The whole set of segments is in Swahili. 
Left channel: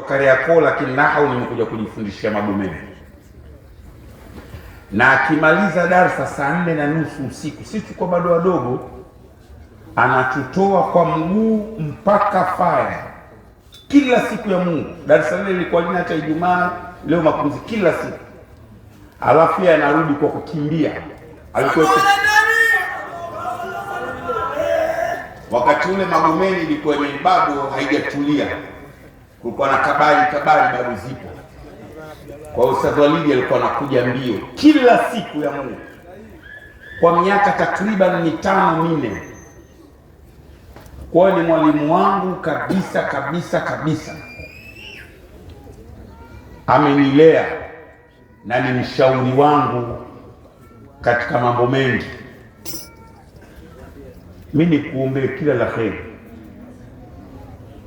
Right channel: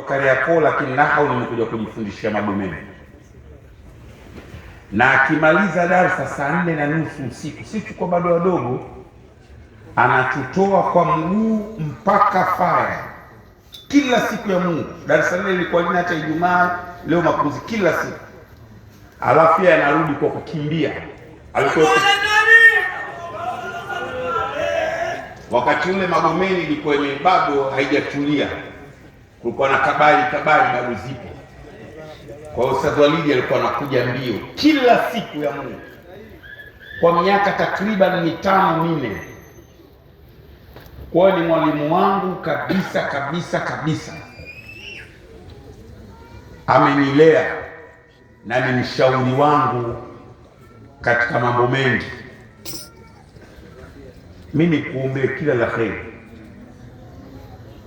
Kariakoo, lakini nahau nimekuja kujifundishia Magomeni. Na akimaliza darasa saa 4:30 usiku, sisi tuko bado wadogo, anatutoa kwa mguu mpaka Faya kila siku ya Mungu. Darasa lile lilikuwa lina hata Ijumaa, leo mapumziko kila siku, alafu yeye anarudi kwa kukimbia. Alikuwa wakati ule Magomeni ilikuwa ni bado haijatulia, kulikuwa na kabari bado zipo. Kwa Ustadh Walidi alikuwa anakuja mbio kila siku ya Mungu kwa miaka takriban 5-4. Kwa ni mwalimu wangu kabisa. Amenilea na ni mshauri wangu katika mambo mengi. Mimi nikuombee kila la kheri.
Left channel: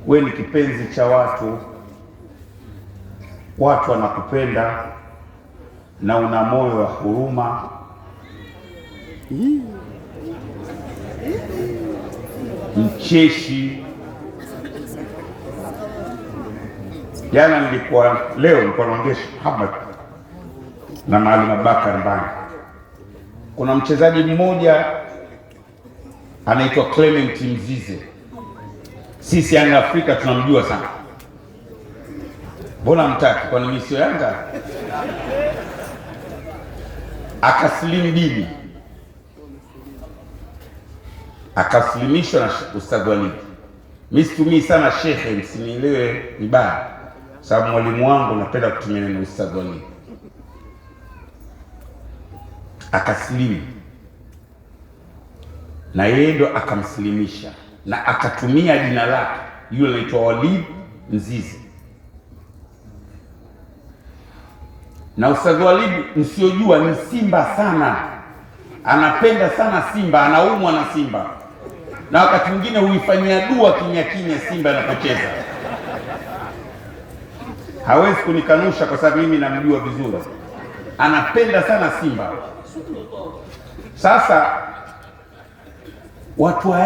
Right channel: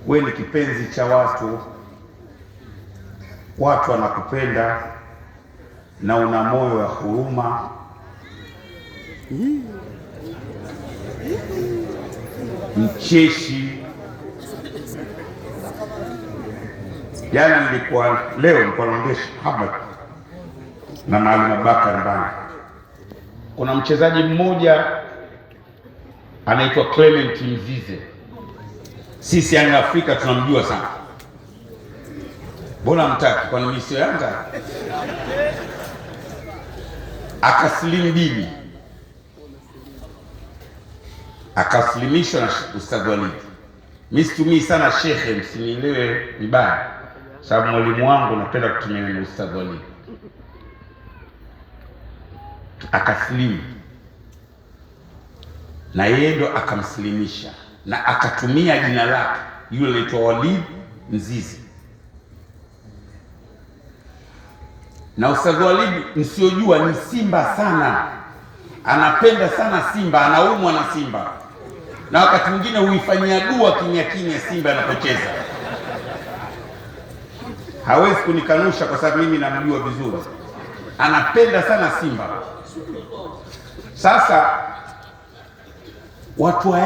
Wewe ni kipenzi cha watu wanakupenda na una moyo wa huruma. Mcheshi. Jana nilikuwa naongea Muhammad na Maalim Abubakar Mbani. Kuna mchezaji mmoja anaitwa Clement Mzize. Sisi Yanga Afrika tunamjua sana. Mbona mtaki? Kwa nini sio Yanga? Akasilimu dini, akaslimishwa na Ustadh Walidi. Mimi situmii sana shekhe, msinielewe vibaya, sababu mwalimu wangu napenda kutumia neno Ustadh Walidi. Akasilimu na yeye ndo akamsilimisha na akatumia jina lake, yule anaitwa Walid Mzizi. Na Ustadh Walid msiojua ni Simba sana, anapenda sana Simba, anaumwa na Simba, na wakati mwingine huifanyia dua kimya Simba anapocheza. Hawezi kunikanusha kwa sababu mimi namjua vizuri, anapenda sana Simba. Sasa watu